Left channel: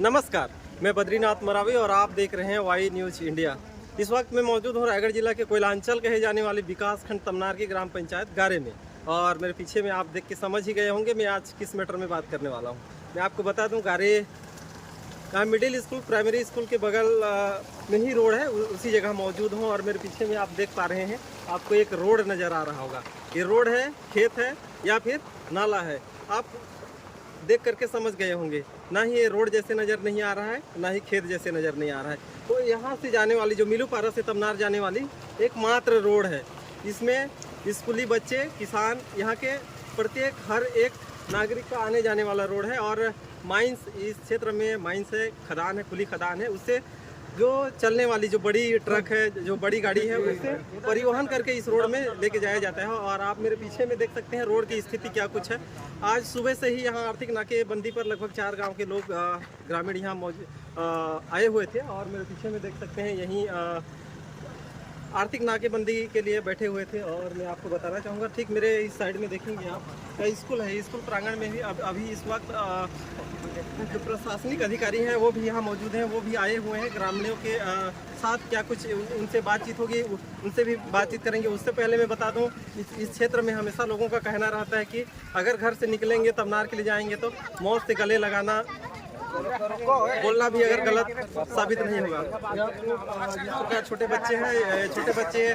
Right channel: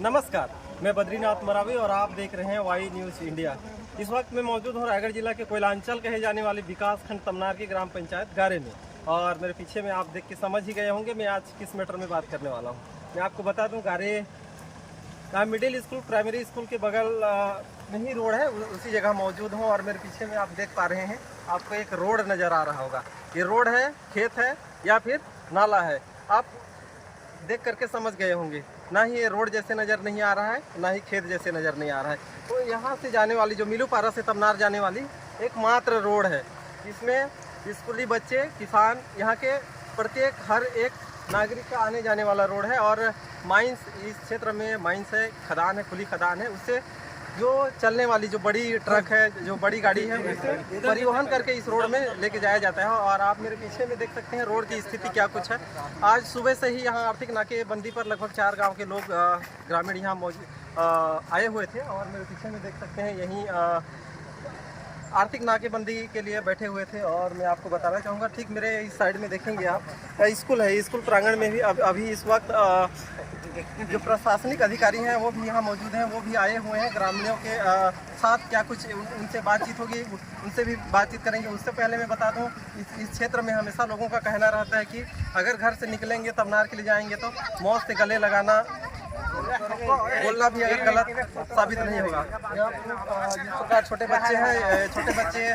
नमस्कार, मैं बद्रीनाथ मरावी और आप देख रहे हैं वाई न्यूज़ इंडिया। इस वक्त मैं मौजूद हूँ रायगढ़ जिला के कोयलांचल कहे जाने वाले विकास खंड तमनार की ग्राम पंचायत गारे में। और मेरे पीछे में आप देख के समझ ही गए होंगे मैं आज किस मैटर में बात करने वाला हूँ। मैं आपको बता दूँ, गारे का मिडिल स्कूल प्राइमरी स्कूल के बगल में ही रोड है, उसी जगह मौजूद हूँ। और मेरे पीछे में आप देख पा रहे हैं, आपको एक रोड नज़र आ रहा होगा। ये रोड है, खेत है या फिर नाला है, आप देख करके समझ गए होंगे। ना ही ये रोड जैसे नज़र नहीं आ रहा है, ना ही खेत जैसे नज़र नहीं आ रहा है। तो यहाँ से जाने वाली जो मिलूपारा से तमनार जाने वाली एकमात्र रोड है। इसमें स्कूली बच्चे, किसान, यहाँ के प्रत्येक हर एक नागरिक का आने जाने वाला रोड है। और माइंस, इस क्षेत्र में माइंस है, खदान है, खुली खदान है, उससे जो चलने वाली जो बड़ी ट्रक है, जो बड़ी गाड़ी है, उसे परिवहन करके इस रोड में लेके जाया जाता है। और आप मेरे पीछे में देख सकते हैं रोड की स्थिति क्या कुछ है। आज सुबह से ही यहाँ आर्थिक नाकेबंदी पर लगभग 4 गांव के लोग ग्रामीण यहाँ आए हुए थे। और मेरे पीछे में देख सकते हैं यहीं आर्थिक नाकेबंदी के लिए बैठे हुए थे। और मैं आपको बताना चाहूँगा, ठीक मेरे इस साइड में देखेंगे आप, स्कूल है। स्कूल प्रांगण में भी अभी इस वक्त जो प्रशासनिक अधिकारी हैं वो भी यहाँ मौजूद हैं, वो भी आए हुए हैं। ग्रामीणों के साथ क्या कुछ उनसे बातचीत होगी, उनसे भी बातचीत करेंगे। उससे पहले मैं बता दूं, इस क्षेत्र में हमेशा लोगों का कहना रहता है कि अगर घर से निकलेंगे तमनार के लिए जाएंगे तो मौत से गले लगाना, बोलना भी अगर गलत साबित नहीं होगा। जिस प्रकार छोटे बच्चे हैं, छोटे बच्चे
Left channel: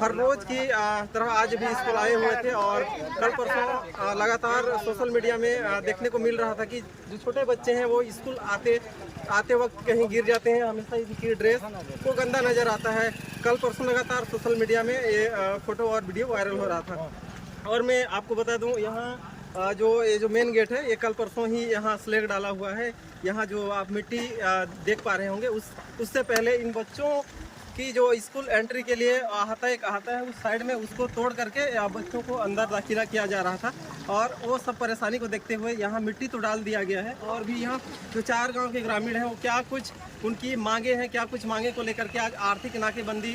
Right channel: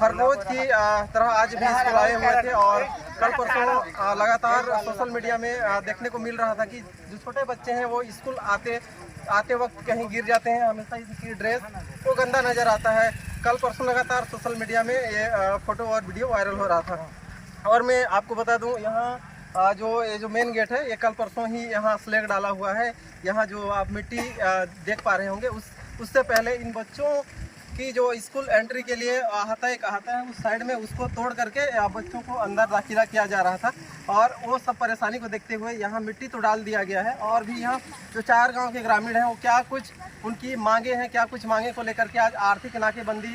हर रोज़ की तरह आज भी स्कूल आए हुए थे। और कल परसों लगातार सोशल मीडिया में देखने को मिल रहा था कि जो छोटे बच्चे हैं वो स्कूल आते वक्त कहीं गिर जाते हैं। हमेशा इनकी ड्रेस वो गंदा नज़र आता है। कल परसों लगातार सोशल मीडिया में ये फ़ोटो और वीडियो वायरल हो रहा था। और मैं आपको बता दूं, यहाँ जो मेन गेट है, ये कल परसों ही यहाँ स्लैग डाला हुआ है। यहाँ जो आप मिट्टी देख पा रहे होंगे, उससे पहले इन बच्चों की जो स्कूल एंट्री के लिए अहाता है, उस साइड में उसको तोड़ करके बच्चों को अंदर दाखिला किया जा रहा था। और वो सब परेशानी को देखते हुए यहाँ मिट्टी तो डाल दिया गया है। और भी यहाँ जो 4 गांव के ग्रामीण हैं, वो क्या कुछ उनकी मांगे हैं, क्या कुछ मांगे को लेकर के आज आर्थिक नाकेबंदी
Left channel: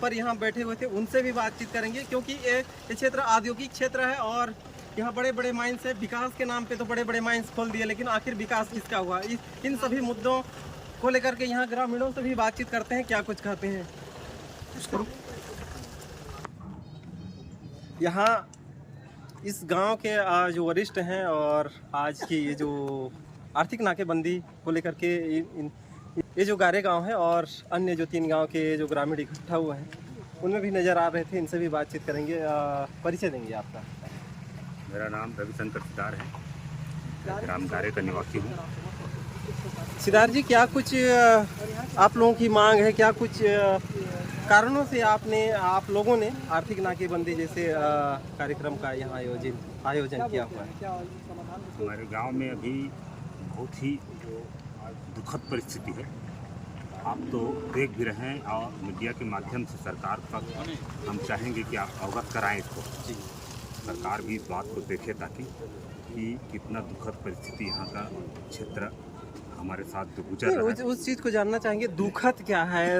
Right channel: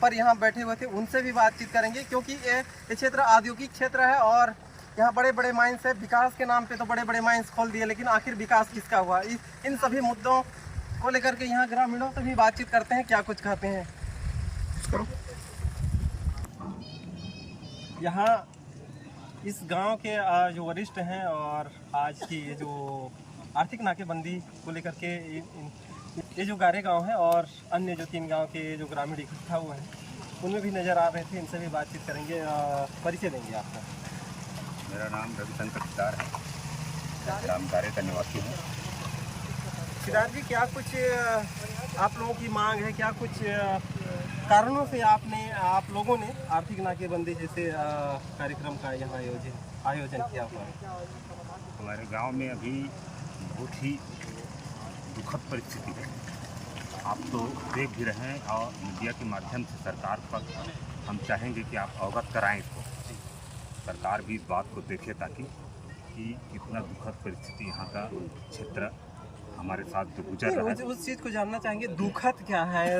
पर यहाँ बैठे हुए थे, उनसे भी बातचीत करेंगे। क्योंकि ये क्षेत्र औद्योगिक क्षेत्र है और यहाँ बड़े बड़े माइंस है। विकास के नाम पे तो बड़े बड़े माइंस खोल दिए, लेकिन आखिर विकास किसका हुआ? इन सभी मुद्दों को लेकर के यहाँ ग्रामीणों से भी बातचीत करते हैं, क्या कुछ कहते हैं। करो यहाँ इस गांव के जो वरिष्ठ हैं और आज की ये जो आर्थिक नाकेबंदी को लेकर के ये जो गारे गांव है और अन्य जो 3 गांव के जो ग्रामीण इकट्ठा हुए हैं, उनमें भी नज़र आ रहे थे। इनसे भी बातचीत करेंगे, परिचय देंगे आपका। मेरा नाम रविशंकर सिदार है, मैं ग्राम गारे का निवासी हूँ। सिदार जी, क्या कुछ आप लोगों की मांग है, क्या कुछ कारणों से आप लोगों ने आर्थिक नाकेबंदी जैसे कार्यक्रम का यहाँ आयोजन किया हुआ है? हमारे गांव में अभी बहुत ही दुखद परिस्थिति है। आप तो देख भी रहे हैं और मीडिया के माध्यम से सरकार तक हम चाहेंगे कि आप अवगत कराएं इसको। सरकार भी इस बात को देखे ताकि कि कितना दुखद परिस्थिति यहाँ का क्षेत्र हमारे साथ जो गुजर रहा है, उस चीज़ को जानना चाहेंगे। दुखद क्या है?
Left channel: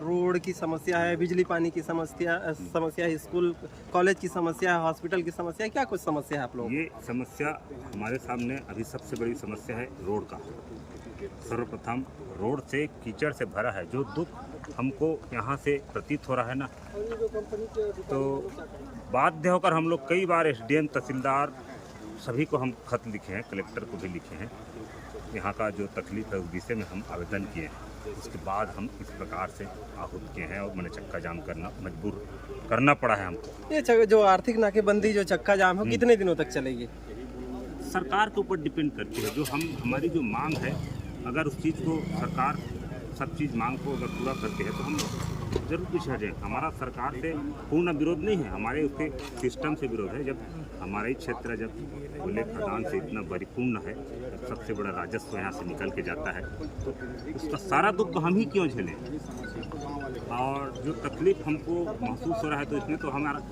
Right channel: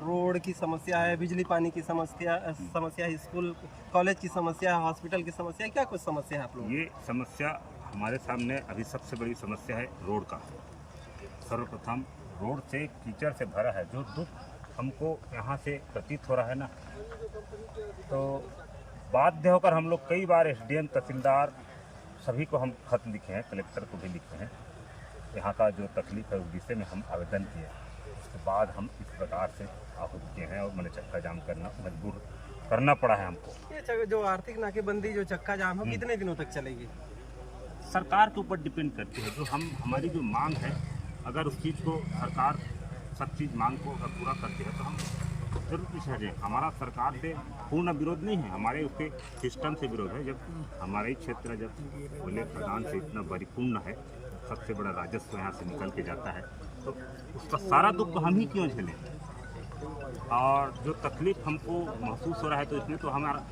रोड की समस्या है, बिजली पानी की समस्या है, स्कूल कॉलेज की समस्या है, हॉस्पिटल की समस्या है, क्या कुछ समस्या है आप लोग? ये समस्या हमारे सामने अभी सबसे बड़ी समस्या है रोड का। सर्वप्रथम रोड से कीचड़ से भरा है। जो दुख हमको यहाँ से प्रतीत हो रहा है ना, तो बाध्य होकर हम लोग कई बार SDM, तहसीलदार सभी को हम खत लिखे हैं, कलेक्टर को भी लिखे हैं। यहाँ का जो तकलीफ है उस विषय में हम आवेदन किए हैं। उसके बाद हम इस प्रकार से आहूत किए हैं और मैंने चक्का जाम करना मजबूर करना पड़ा है हमको। ये जो आर्थिक नाकेबंदी, जो चक्का जाम है, कितने दिनों तक चलेगी? सरकार के ऊपर डिपेंड करती है। जो हमारी जो मांग है, अगर उस चीज़ को सरकार सब चीज़ मांग को अगर पूरा करती है तो हम जरूर पीछे हट जाएँ। हमारा सरकार से पूर्ण विरोध नहीं है, हमारे उसके सिस्टम से विरोध है। जब हमारा ही क्षेत्र जब कोयले खदान से इतना परिपूर्ण है, जब सबसे बड़ा राजस्व यहाँ से निकल के जाता है, तो उसका सारा दुख हम ही क्यों झेलें? और जो तकलीफ़ हमको महसूस हो रहा है, तो इसमें तो हमारा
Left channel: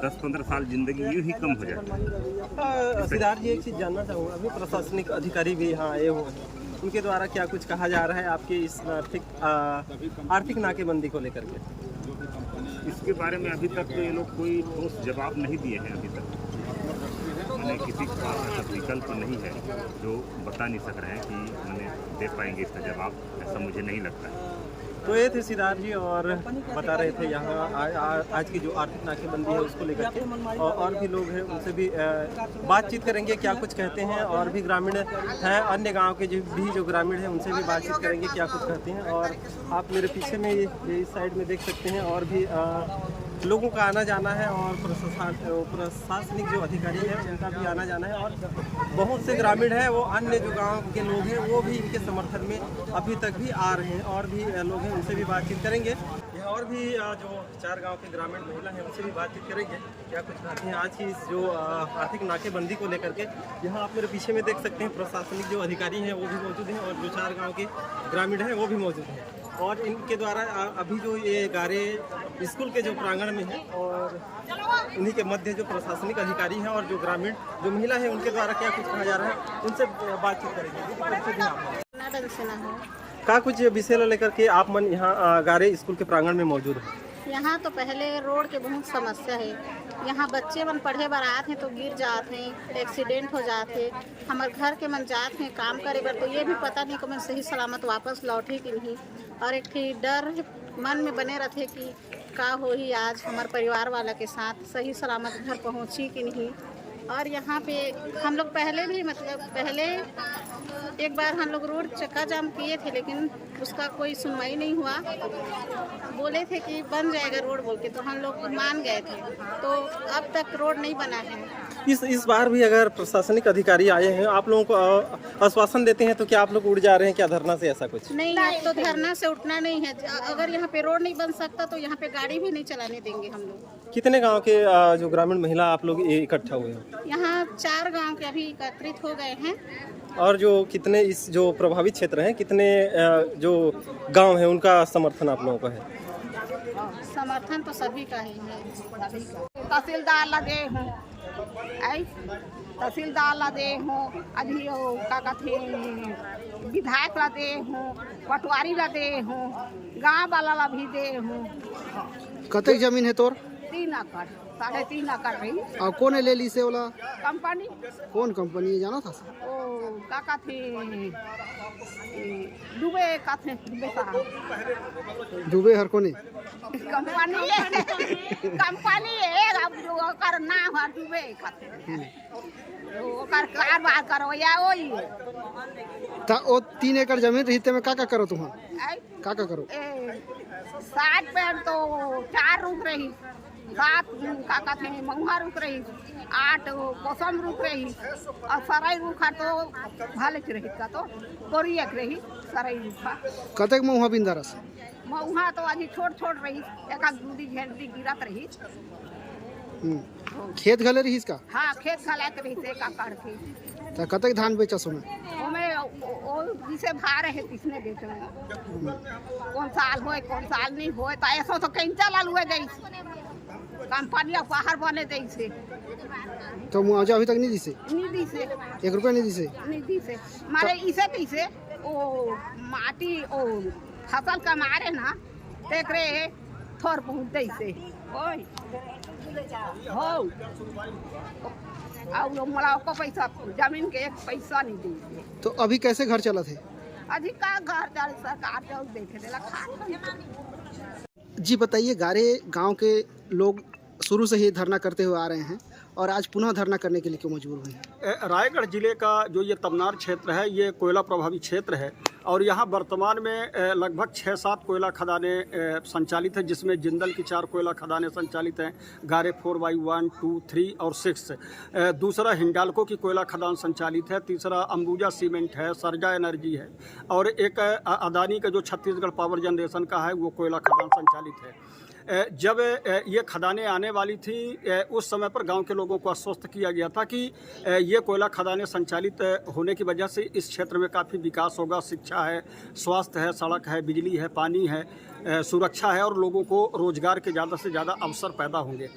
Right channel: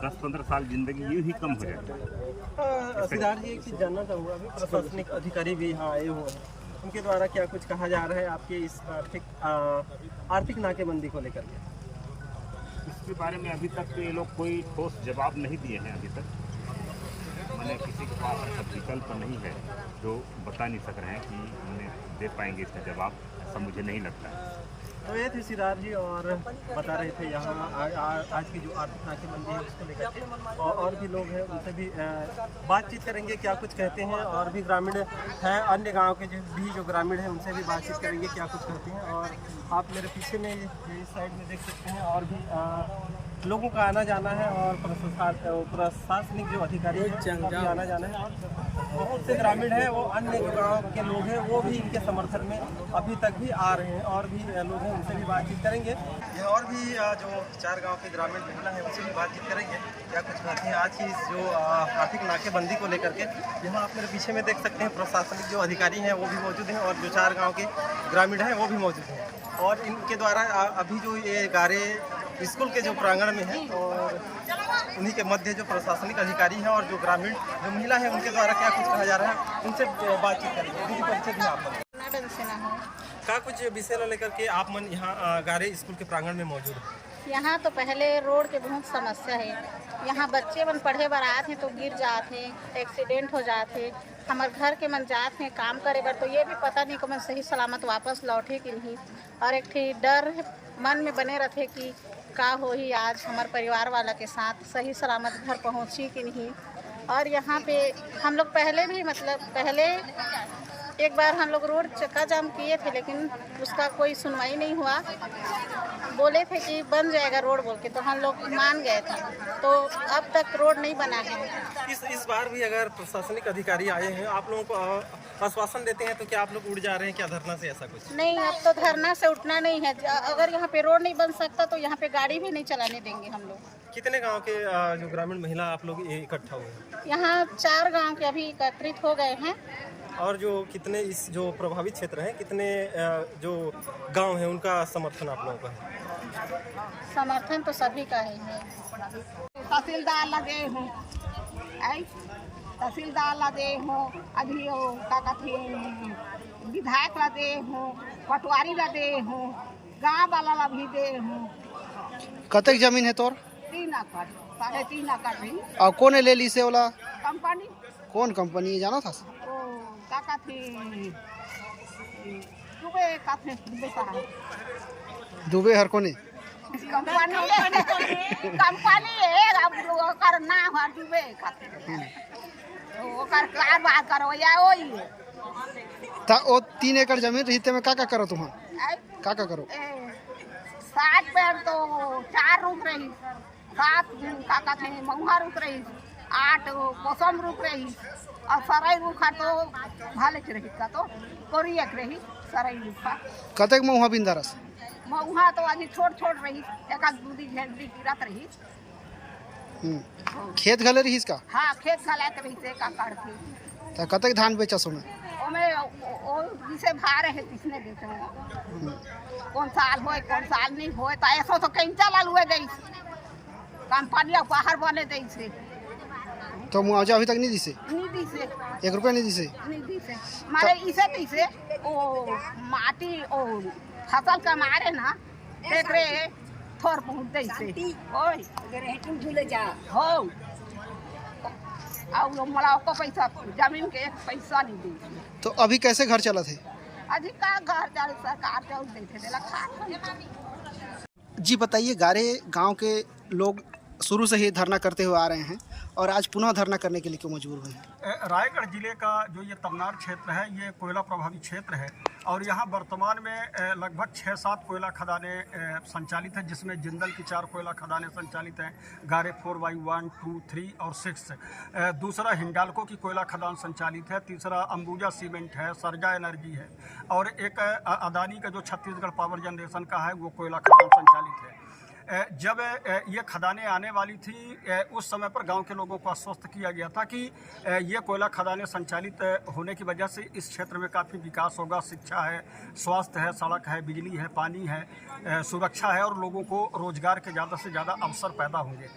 10-15 साल ज़िंदगी यूँ ही कम हो जाता है। सिदार जी, एक चीज़ जानना चाहूँगा, अभी प्रशासनिक अधिकारी भी यहाँ आए हुए हैं, उनके द्वारा क्या कुछ कहा जा रहा है आपके इस आर्थिक नाकेबंदी को लेकर के? इसके बारे में अभी तक तो ये लोग कोई ठोस जवाब नहीं दिए हैं अभी तक। मैंने किसी के पास ऐसा विकल्प नहीं है जो बता नहीं सक रहे हैं कि मैंने दे पाएंगे इसका जवाब, ऐसा मुझे नहीं लगता है। तो ये थे सिद्धार्थ जी और बता रहे थे यहाँ आज की जो आर्थिक नाकेबंदी है उसको लेकर के, और भी लोग हैं उनसे भी बातचीत करेंगे क्या कुछ कहते हैं, और भी ग्रामीण हैं अन्य गांव के जो ग्रामीण हैं उनसे भी बातचीत करेंगे क्या कुछ कहते हैं। और आप मेरे पीछे में इस साइड में देख सकते हैं और भी लोगों का आना जाना है, और प्रशासनिक जो अधिकारी है उनका भी आना जाना है, और बहुत से ग्रामीण हैं वो अन्य जो गांव के लोग हैं वो भी इनके समर्थन में अभी तक भी आ रहे हैं, और भी लोग हैं उनसे भी बातचीत करेंगे। और भी जो 4 गांव के ग्रामीण महिला हैं उनसे भी बातचीत करेंगे क्या कुछ कहते हैं आज की इस जो आर्थिक नाकेबंदी को लेकर के। यहाँ आप मेरे पीछे में देख सकते हैं प्रशासनिक जो अधिकारी हैं वो भी मौजूद हैं, और जो 4 गाँव के ग्रामीण हैं वो भी मौजूद हैं, और इनके द्वारा अभी जो ये गारे स्कूल के जो प्रांगण में है, और उन्हीं के मध्य जो प्रशासनिक अधिकारी हैं और जो ग्रामीण जो महिला है उनके द्वारा क्या कुछ कहा जा रहा है उनसे बातचीत करेंगे। दीदी परिचय भी आप क्या कुछ विषय लेकर के आप मन यहाँ गारे स्कूल के प्रांगण में मौजूद है? यहाँ तो पहले रोड के बहुत समस्या है। यहाँ बच्चे मन पढ़े बर आते हैं तो गिर जाते हैं, एक्सीडेंट हो जाते हैं। हमारे घर के मन जाते हैं काम करे बर तो ये भी पता नहीं कि मैं सही सलामत वापस लौटे कि नहीं, और एक ठी डर मन में बने रहते कि का हो ही आज हमारे परिवार वाला के साथ सही सलामत घर पहुँची कि नहीं। और यहाँ पे हम लोग पहले भी पहले एक बार हम लोग रोड चक्का जाम किए थे, लेकिन उसका कोई सुनवाई नहीं हुआ। बोले थे कि बन जाएगा रोड बोल के, तो हम लोग मान गए थे, तो अब तक रोड नहीं बना है। इस बार भी अगर प्रशासनिक अधिकारी आए हैं आप लोगों को आश्वासन देते हैं तो क्या आप लोग उड़ जा रहे हैं क्या धरना से, ऐसा कुछ? नहीं, अब तो धरना से उठना नहीं है। अगर यहाँ पे रोड नहीं बन सकता तो यहाँ पे गाड़ी भी नहीं चलाने देंगे हम लोग। कितने गांव के जो ग्रामीण महिला आप लोग इकट्ठा हुए हैं? यहाँ 4 गांव के अभी एकत्रित हो गए हैं। और जो कितने इस जो प्रभावित क्षेत्र हैं कितने जो गांव हैं उनका समर्थन आप लोगों का है? समर्थन तो सभी का ही है। तहसीलदार लगे हूँ, तहसीलदार लगे हूँ, अभी क्या कहते विधायक लगे हूँ, पटवारी लगे हूँ, गाँव वाला ला भी दे हूँ। कतक जमीन है तोर? 3 एकड़, 3.5 एकड़ रही। और कौन है ले ली से वाला? कंपनी। कौन कंपनी है जाना था? ओ क्या कहते दुबे साहब। दुबे हर कोने कंपनी है, अब ओकर ना हुआ दुबे खातिर ओकर कारबार करवैया वही है। ता ओ 3 एकड़ जमीन रही में का करो तुम? का करो? 60 पेड़ तो 4 रुक रही, 7 का कहते महुआ रुक रही, 8 कोसम रुक रही, और सराई रुखा तो भाले रही का तो कोरी एक रही सराई रुखा। कतक महुआ बिंदारस? महुआ तो आज छोट रही, एक दूधी झंडी गिरत रही। खेत घले रही इसका? हाँ, खेत घलात रही से का काढ़ते। ता कतक धान बेचा सो में? ओमे ओ जिसे भार है किसने बेचे में, कौन साल होए कौन साल नहीं होए, तो ऐसा तो कैंचा लाल हुए गई कंपनी बाहर बने गई से। तो मुआवजा अभी तक नहीं दी से? नहीं दी से, 1 रुपया नहीं दी से? नहीं दी से। मारे इसे कैसे ओ माटी ओ फसल का मारे ना देख रहे थोर पहुँच गई से ओए हो, और मला को पैसा जमीन के 1 पैसा नहीं दी। तो अभी कैसे घर चला थे? अभी का घर जा सरकार जाऊ देखे देला खा। जी बताइए, गारे गांव के लोग शुरू से ही धरना करते हुए आ रहे हैं और आज पुनः धरना करने के लिए क्यों मजबूर हुए हैं? रायगढ़ जिले का जो ये तमनार क्षेत्र है ये कोयला प्रभावित क्षेत्र है, और यहाँ वर्तमान में लगभग 6-7 कोयला खदानें संचालित है, जिसमें जिंदल की 4 कोयला खदानें संचालित हैं, गारे 4/1, 2, 3 और 6। दूसरा हिंडाल्को की कोयला खदान संचालित है, तीसरा अंबुजा सीमेंट है, सरजा एनर्जी है, और एक अदानी का जो छत्तीसगढ़ पावर जनरेशन का है वो कोयला खदान संचालित है। जब ये खदानें आने वाली थी उस समय पर गांव के लोगों को आश्वस्त किया गया था कि ये कोयला खदानें संचालित होने की वजह से इस क्षेत्र में काफ़ी विकास होगा, शिक्षा है, स्वास्थ्य है, सड़क है, बिजली है, पानी है, सुरक्षा है, और लोगों को रोजगार के ज़्यादा से ज़्यादा अवसर पैदा होंगे।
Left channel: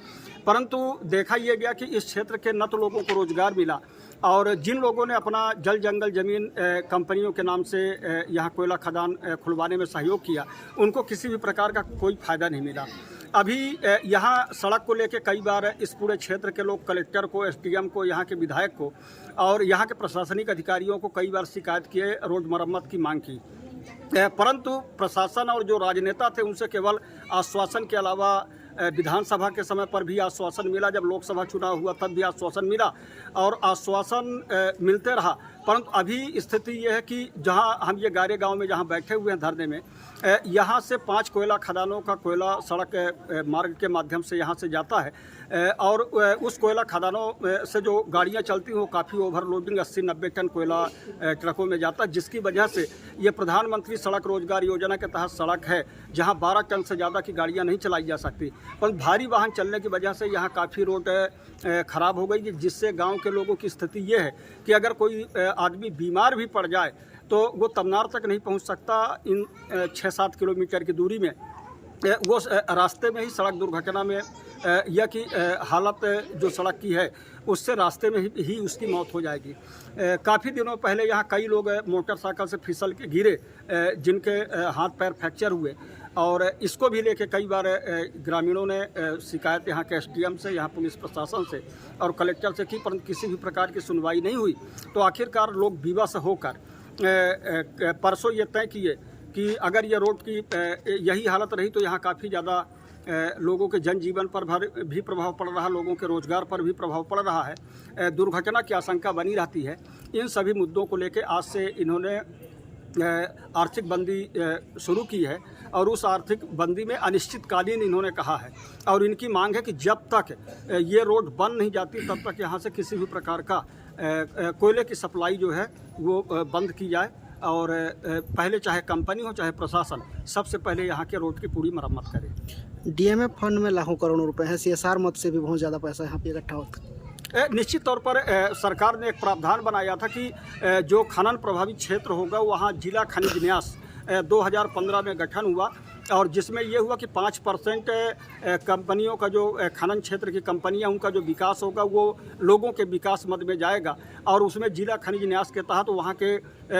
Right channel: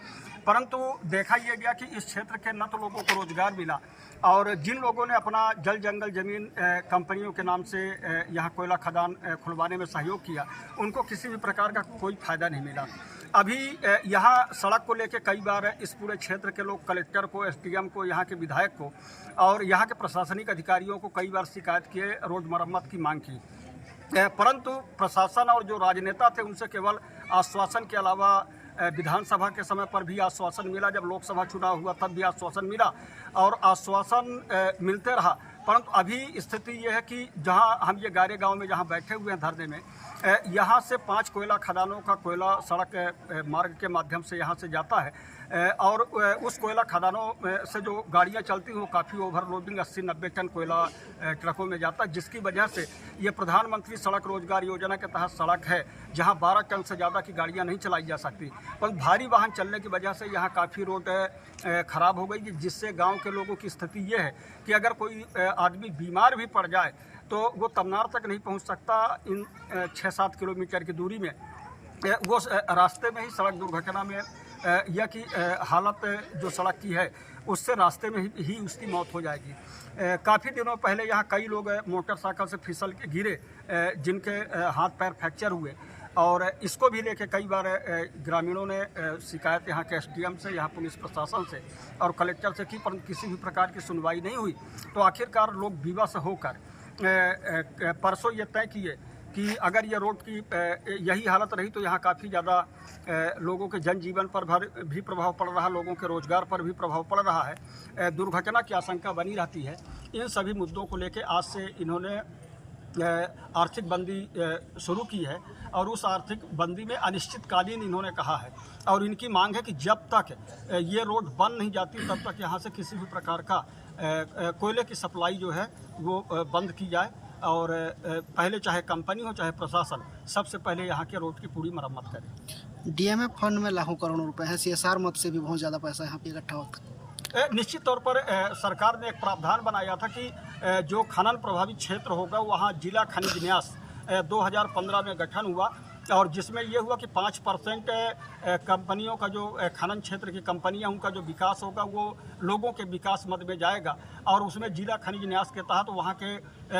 परंतु देखा यह गया कि इस क्षेत्र के न तो लोगों को रोजगार मिला, और जिन लोगों ने अपना जल जंगल ज़मीन कंपनियों के नाम से यहाँ कोयला खदान खुलवाने में सहयोग किया उनको किसी भी प्रकार का कोई फ़ायदा नहीं मिला। अभी यहाँ सड़क को लेकर कई बार इस पूरे क्षेत्र के लोग कलेक्टर को, एसडीएम को, यहाँ के विधायक को और यहाँ के प्रशासनिक अधिकारियों को कई बार शिकायत किए, रोड मरम्मत की मांग की, परंतु प्रशासन और जो राजनेता थे उनसे केवल आश्वासन के अलावा विधानसभा के समय पर भी आश्वासन मिला, जब लोकसभा चुनाव हुआ तब भी आश्वासन मिला और आश्वासन मिलते रहा। परंतु अभी स्थिति ये है कि जहां हम ये गारे गांव में जहां बैठे हुए हैं धरने में, यहां से 5 कोयला खदानों का कोयला सड़क मार्ग के माध्यम से यहां से जाता है और उस कोयला खदानों से जो गाड़ियां चलती हैं वो काफ़ी ओवरलोडिंग 80-90 टन कोयला ट्रकों में जाता है, जिसकी वजह से ये प्रधानमंत्री सड़क रोजगार योजना के तहत सड़क है जहां 12 टन से ज़्यादा की गाड़ियां नहीं चलाई जा सकती। पर भारी वाहन चलने की वजह से यहाँ काफ़ी रोड ख़राब हो गई, जिससे गाँव के लोगों की स्थिति ये है कि अगर कोई आदमी बीमार भी पड़ जाए तो वो तमनार तक नहीं पहुँच सकता। इन 6-7 किलोमीटर की दूरी में वो रास्ते में ही सड़क दुर्घटना में या कि हालत जो सड़क की है उससे रास्ते में ही उसकी मौत हो जाएगी। काफ़ी दिनों पहले यहाँ कई लोग मोटरसाइकिल से फिसल के गिरे, जिनके हाथ पैर फ्रैक्चर हुए और इसको भी लेके कई बार ग्रामीणों ने शिकायत यहाँ के एसडीएम से, यहाँ पुलिस प्रशासन से और कलेक्टर से की, परंतु किसी भी प्रकार की सुनवाई नहीं हुई। तो आखिरकार लोग विवश होकर परसों ये तय किए कि अगर ये रोड की यही हालत रही तो यहाँ काफ़ी ज़्यादा लोगों के जनजीवन पर भी प्रभाव पड़ रहा है, लोगों के रोजगार पर भी प्रभाव पड़ रहा है, दुर्घटना की आशंका बनी रहती है। इन सभी मुद्दों को लेकर आज से इन्होंने आर्थिक बंदी शुरू की है और उस आर्थिक बंदी में अनिश्चितकालीन इन्होंने कहा है और इनकी मांग है कि जब तक ये रोड बन नहीं जाती तब तक यहाँ से किसी भी प्रकार का कोयले की सप्लाई जो है वो बंद की जाए और पहले चाहे कंपनी हो चाहे प्रशासन सबसे पहले यहाँ के रोड की पूरी मरम्मत करे। डीएमएफ फंड में लाखों करोड़ों रुपए हैं, सीएसआर मद से भी बहुत ज़्यादा पैसा यहाँ पे इकट्ठा होता है। निश्चित तौर पर सरकार ने एक प्रावधान बनाया था कि जो खनन प्रभावित क्षेत्र होगा वहाँ जिला खनिज न्यास 2015 में गठन हुआ और जिसमें ये हुआ कि 5% कंपनियों का जो खनन क्षेत्र की कंपनियां उनका जो विकास होगा वो लोगों के विकास मद में जाएगा और उसमें जिला खनिज न्यास के तहत वहाँ के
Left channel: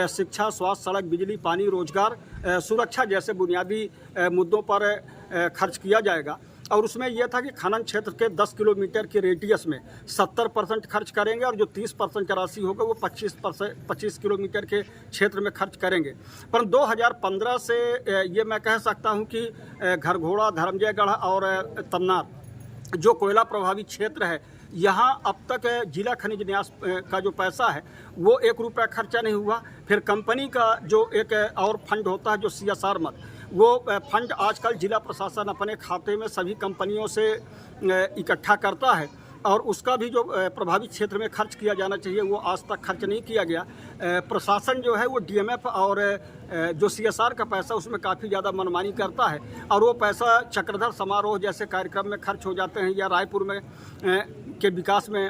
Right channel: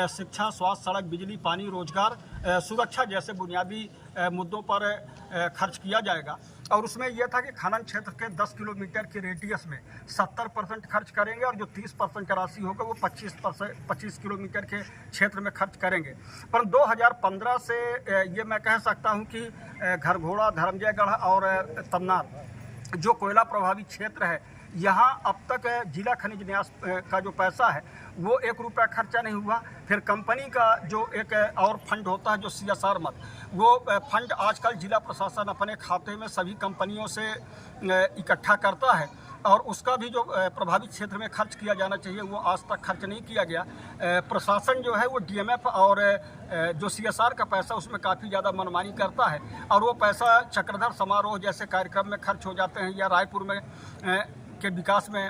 शिक्षा, स्वास्थ्य, सड़क, बिजली, पानी, रोजगार, सुरक्षा जैसे बुनियादी मुद्दों पर खर्च किया जाएगा। और उसमें यह था कि खनन क्षेत्र के 10 किलोमीटर के रेडियस में 70% खर्च करेंगे और जो 30% का राशि होगा वो 25 किलोमीटर के क्षेत्र में खर्च करेंगे। पर 2015 से ये मैं कह सकता हूँ कि घरघोड़ा, धर्मजयगढ़ और तमनार जो कोयला प्रभावित क्षेत्र है यहाँ अब तक जिला खनिज न्यास का जो पैसा है वो 1 रुपया खर्चा नहीं हुआ। फिर कंपनी का जो एक और फंड होता है जो CSR मद, वो फंड आजकल जिला प्रशासन अपने खाते में सभी कंपनियों से इकट्ठा करता है और उसका भी जो प्रभावित क्षेत्र में खर्च किया जाना चाहिए वो आज तक खर्च नहीं किया गया। प्रशासन जो है वो DMF और जो CSR का पैसा उसमें काफ़ी ज़्यादा मनमानी करता है और वो पैसा चक्रधर समारोह जैसे कार्यक्रम में खर्च हो जाते हैं या रायपुर में के विकास में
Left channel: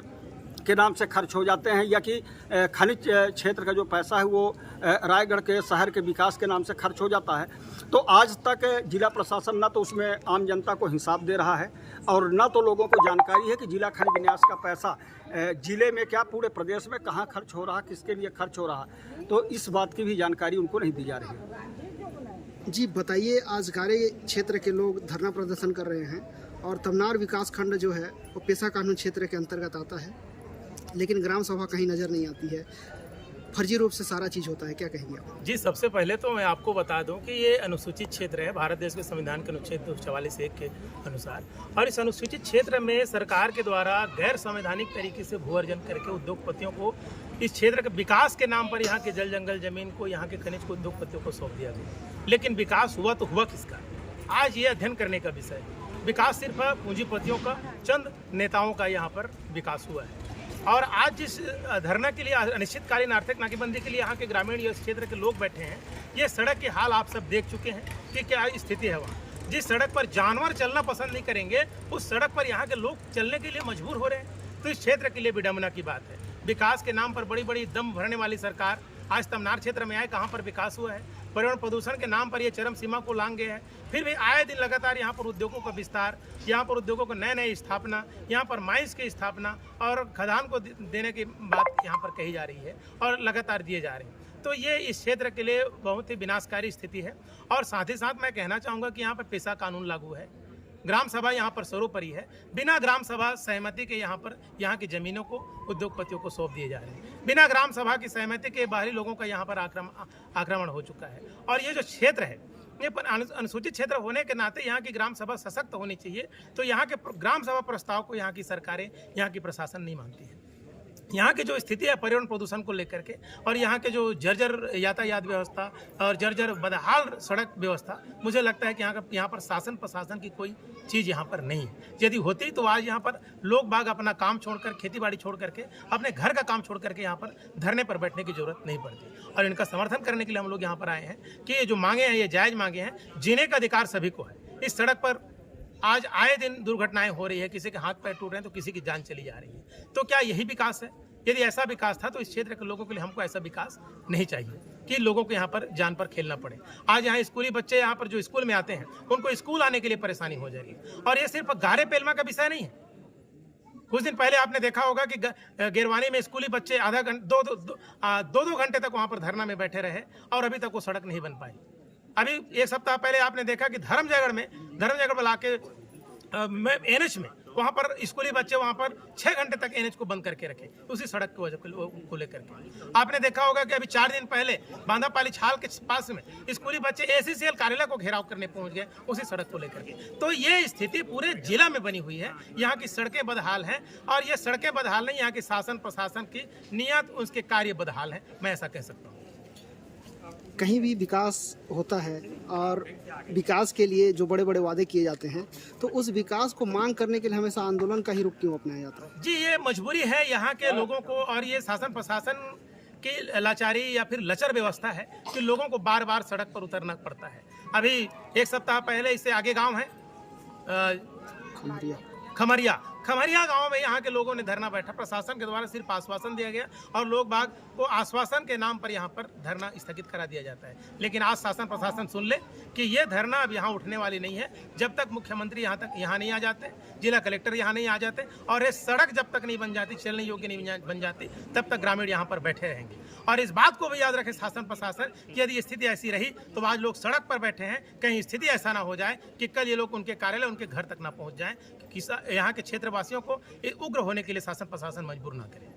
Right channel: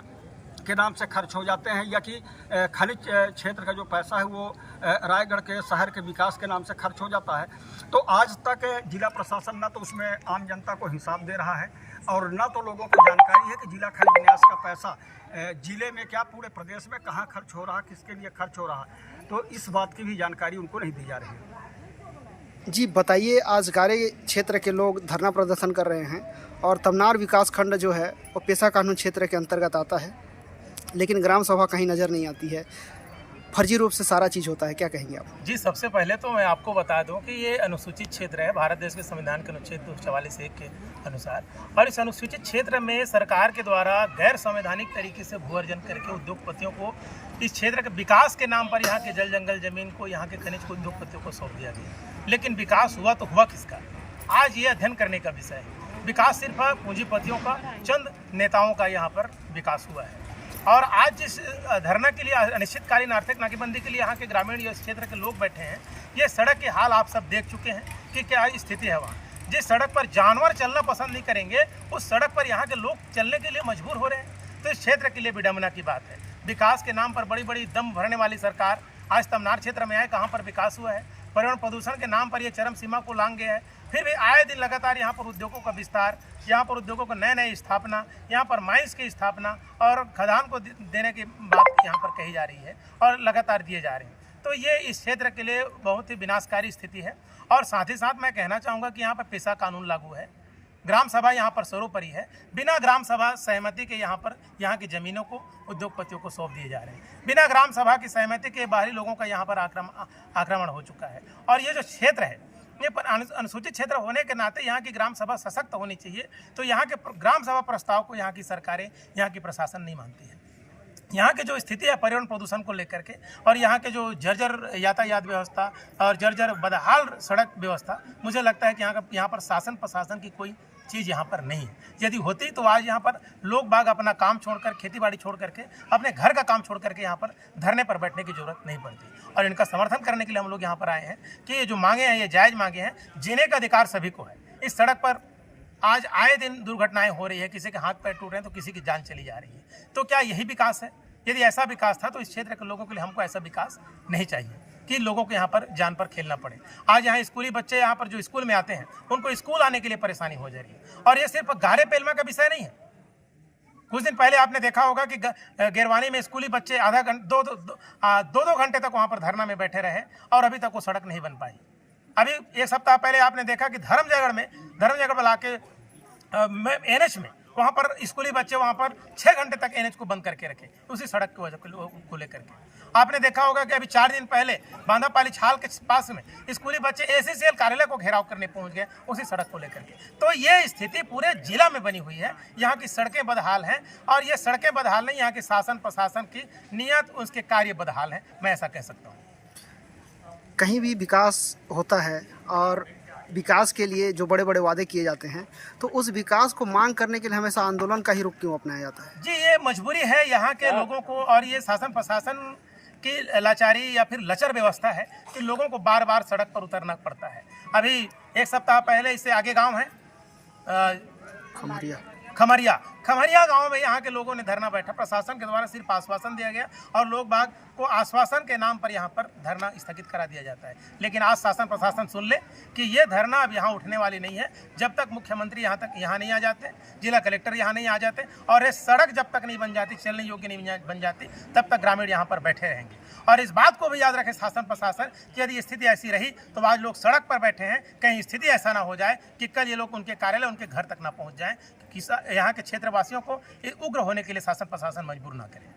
के नाम से खर्च हो जाते हैं या कि खनिज क्षेत्र का जो पैसा है वो रायगढ़ के शहर के विकास के नाम से खर्च हो जाता है। तो आज तक जिला प्रशासन ना तो उसमें आम जनता को हिसाब दे रहा है और ना तो लोगों को जानकारी है कि जिला खनिज न्यास का पैसा जिले में क्या पूरे प्रदेश में कहाँ खर्च हो रहा है, किसके लिए खर्च हो रहा है, तो इस बात की भी जानकारी उनको नहीं दी जा रही है। जी बताइए, आज गारे क्षेत्र के लोग धरना प्रदर्शन कर रहे हैं और तमनार विकास खंड जो है वो पेशा कानून क्षेत्र के अंतर्गत आता है, लेकिन ग्राम सभा कहीं नज़र नहीं आती है, फर्जी रूप से सारा चीज़ होता है, क्या कहेंगे आप? जी, सबसे पहले तो मैं आपको बता दूं कि ये अनुसूचित क्षेत्र है भारत देश के संविधान के अनुच्छेद 244(1) के अनुसार, और इस अनुसूचित क्षेत्र में सरकार के द्वारा गैर संवैधानिक तरीके से भू अर्जन करके उद्योगपतियों को इस क्षेत्र के विकास के नाम पर यहाँ के जल जंगल जमीन को, यहाँ के खनिज को उद्योगपतियों को सौंप दिया गया। लेकिन विकास हुआ तो हुआ किसका, आज ये अध्ययन करने का विषय है। विकास सिर्फ पूंजीपतियों का, चंद नेताओं का यहाँ पर विकास हुआ है। और आज जिस धरना के लिए, अनिश्चितकालीन आर्थिक नाकेबंदी के लिए यहाँ के ग्रामीण इस क्षेत्र के लोग बैठे हैं, ये सड़क के हाल आप सब देख चुके हैं कि क्या स्थिति है वहाँ। जिस सड़क पर जानवर चलना पसंद नहीं करेंगे उस सड़क पर यहाँ के लोग चलने के लिए मजबूर हो रहे हैं। तो इस क्षेत्र के लिए विडंबना की बात है। विकास के नाम पर बड़ी बड़ी दम भरने वाली सरकार आज तमनार क्षेत्र में आए, कहाँ पर विकास हुआ है? पर्यावरण प्रदूषण के नाम पर ये चरम सीमा को लांग गया है। फिर भी आए दिन लगातार यहाँ पर उद्योगों का विस्तार, यहाँ पर उद्योगों को नए नए स्थापना, यहाँ पर माइंस की स्थापना और खदान को देने की बात यहाँ पर कही जा रही है और लगातार दिए जा रहे हैं। तो ये इस क्षेत्र के लिए बहुत ही विनाशकारी स्थिति है। और साथ ही साथ मैं कहना चाहूँगा कि यहाँ पर पेशा कानून लागू है। ग्राम सभा यहाँ पर सर्वोपरि है। बिना ग्राम सभा सहमति के यहाँ पर यहाँ की ज़मीनों को उद्योगपतियों को सौंप दिए जा रहे हैं। बिना ग्राम सभा की सहमति के बाहरी लोगों का यहाँ पर आक्रमण हो चुका है। और ये जो क्षेत्र है, ये अनुसूचित क्षेत्र होने के नाते यहाँ की ग्राम सभा सशक्त होनी चाहिए। तो यहाँ के ग्राम सभा प्रस्ताव को यहाँ की सरकारें, यहाँ की प्रशासन नहीं मानती है। यहाँ की जो स्थिति है पर्यावरण प्रदूषण को लेकर के, और यहाँ के जो जर्जर यातायात व्यवस्था और जर्जर बदहाल सड़क व्यवस्था, मुझे लगता है कि यहाँ पर शासन प्रशासन की कोई चीज़ यहाँ पर नहीं है। यदि होती तो आज यहाँ पर लोग बाग अपना काम छोड़कर, खेती बाड़ी छोड़ करके, अपने घर का काम छोड़ करके यहाँ पर धरने पर बैठने की जरूरत नहीं पड़ती। और इनका समर्थन करने के लिए हम लोग यहाँ पर आए हैं कि ये जो मांगे हैं ये जायज़ मांगे हैं। जीने का अधिकार सभी को है। इस सड़क पर आज आए दिन दुर्घटनाएं हो रही है, किसी के हाथ पैर टूट रहे हैं तो किसी की जान चली जा रही है। तो क्या यही विकास है? यदि ऐसा विकास था तो इस क्षेत्र के लोगों के लिए हमको ऐसा विकास नहीं चाहिए कि लोगों को यहाँ पर जान पर खेलना पड़े। आज यहाँ स्कूली बच्चे यहाँ पर जो स्कूल में आते हैं उनको स्कूल आने के लिए परेशानी हो जा रही है। और ये सिर्फ गारे पेलमा का विषय नहीं है। कुछ दिन पहले आपने देखा होगा कि गिरवानी में स्कूली बच्चे आधा घंटा दो घंटे तक वहाँ पर धरना में बैठे रहे और अभी तक वो सड़क नहीं बन पाई। अभी एक सप्ताह पहले आपने देखा कि धर्मजयगढ़ में लाके एनएच में वहाँ पर स्कूली बच्चे वहाँ पर 6 घंटे तक एनएच को बंद करके रखे उसी सड़क की वजह को लेकर के। आपने देखा होगा कि अभी 4 दिन पहले बांधापाली छाल के पास में स्कूली बच्चे एसीसीएल कार्यालय को घेराव करने पहुंच गए उसी सड़क को लेकर के। तो ये स्थिति पूरे जिला में बनी हुई है। यहाँ की सड़कें बदहाल हैं, और ये सड़कें बदहाल नहीं, यहाँ के शासन प्रशासन की नीयत, उसके कार्य बदहाल हैं, मैं ऐसा कह सकता हूँ। कहीं भी विकास होता है और विकास के लिए जो बड़े बड़े वादे किए जाते हैं, तो उस विकास को मांग करने के लिए हमेशा आंदोलन का ही रुख क्यों अपनाया जाता है? जी, ये मजबूरी है यहाँ के लोगों को, और ये शासन प्रशासन की लाचारी या फिर लचर व्यवस्था है कि लोगों को बार बार सड़क पर उतरना पड़ता है। अभी एक सप्ताह पहले इससे आगे गांव है खमरिया गांव में यहाँ के लोगों ने धरना बैठा। प्रशासन के द्वारा सिर्फ आश्वासन दिया गया और लोग बाग को आश्वासन के नाम पर यहाँ पर धरना स्थगित करा दिया जाता है। लेकिन आज शासन प्रशासन सुन ले कि ये धरना अब यहाँ उठने वाली नहीं है जब तक मुख्यमंत्री यहाँ नहीं आ जाते, जिला कलेक्टर यहाँ नहीं आ जाते, और ये सड़क जब तक नहीं बन जाती, चलने योग्य नहीं बन जाती, तब तक ग्रामीण यहाँ पर बैठे रहेंगे। और इस बात को भी याद रखें शासन प्रशासन कि यदि स्थिति ऐसी रही तो आज लोग सड़क पर बैठे हैं, कहीं स्थिति ऐसा ना हो जाए कि कल ये लोग उनके कार्यालय, उनके घर तक ना पहुँच जाएँ, कि यहाँ के क्षेत्रवासियों को उग्र होने के लिए शासन प्रशासन मजबूर ना करे।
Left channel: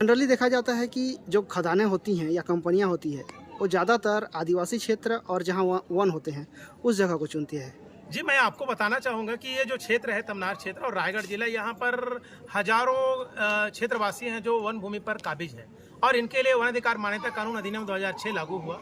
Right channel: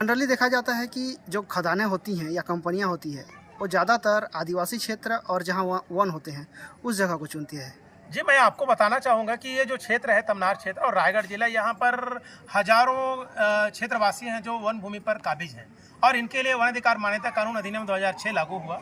जनरली देखा जाता है कि जो खदानें होती हैं या कंपनियां होती है वो ज़्यादातर आदिवासी क्षेत्र और जहां वन होते हैं उस जगह को चुनती है। जी, मैं आपको बताना चाहूँगा कि ये जो क्षेत्र है तमनार क्षेत्र और रायगढ़ जिला, यहाँ पर हजारों क्षेत्रवासी हैं जो वन भूमि पर काबिज हैं, और इनके लिए वन अधिकार मान्यता कानून अधिनियम 2006 लागू हुआ।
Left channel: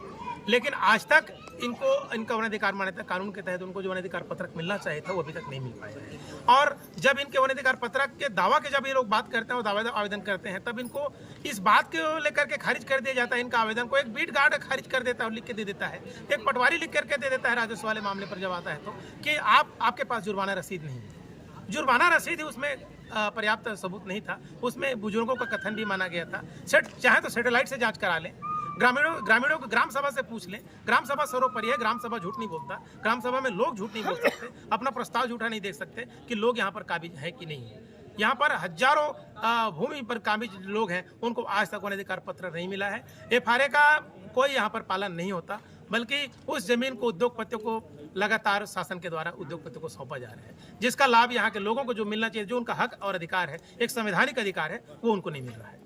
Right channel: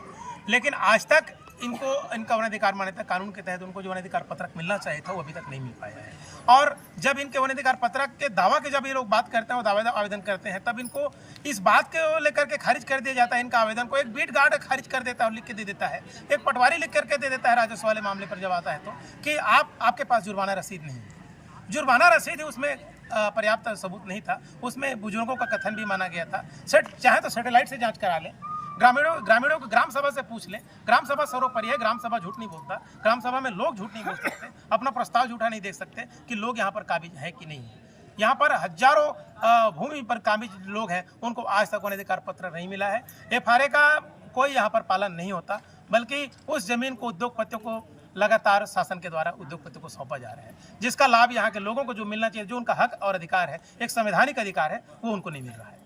लेकिन आज तक इनका वन अधिकार मान्यता कानून के तहत उनको जो वन अधिकार पत्रक मिलना चाहिए था वो अभी तक नहीं मिल पाया है। और जब इनके वन अधिकार पत्रक के दावा के जब ये लोग बात करते हैं और दावा आवेदन करते हैं, तब इनको इस बात के लेकर के खारिज कर दिया जाता है। इनका आवेदन को एक बीट गार्ड खारिज कर देता है और लिख के दे देता है, एक पटवारी लिख करके दे देता है राजस्व वाले मामले पर जब आता है तो, कि आपके पास जुर्माना रसीद नहीं है। जुर्माना रसीद उसमें पर्याप्त सबूत नहीं था, उसमें बुजुर्गों का कथन भी माना गया था। चाहे तो सैटेलाइट से जाँच करा लें, ग्रामीणों को ग्राम सभा से पूछ लें। ग्राम सभा सर्वोपरि है, ग्राम सभा झूठ नहीं बोलता। ग्राम सभा में लोग झूठ नहीं बोल सकते, अपना प्रस्ताव झूठा नहीं देख सकते कि लोग यहाँ पर काबिज है कि नहीं है। यहाँ पर हजारों भूमि पर काबिज लोग हैं, उनको आज तक वन अधिकार पत्र नहीं मिला है। FRA का कोई यहाँ पर पालन नहीं होता, बल्कि उस जमीन को उद्योगपतियों को लगातार शासन के द्वारा उद्योगपतियों को सौंपा जा रहा है, जिसका लाभ यहाँ के लोगों को जो मिलना चाहिए, जो उनका हक और अधिकार है, एक संवैधानिक अधिकार है, वो उनको नहीं मिल रहा है।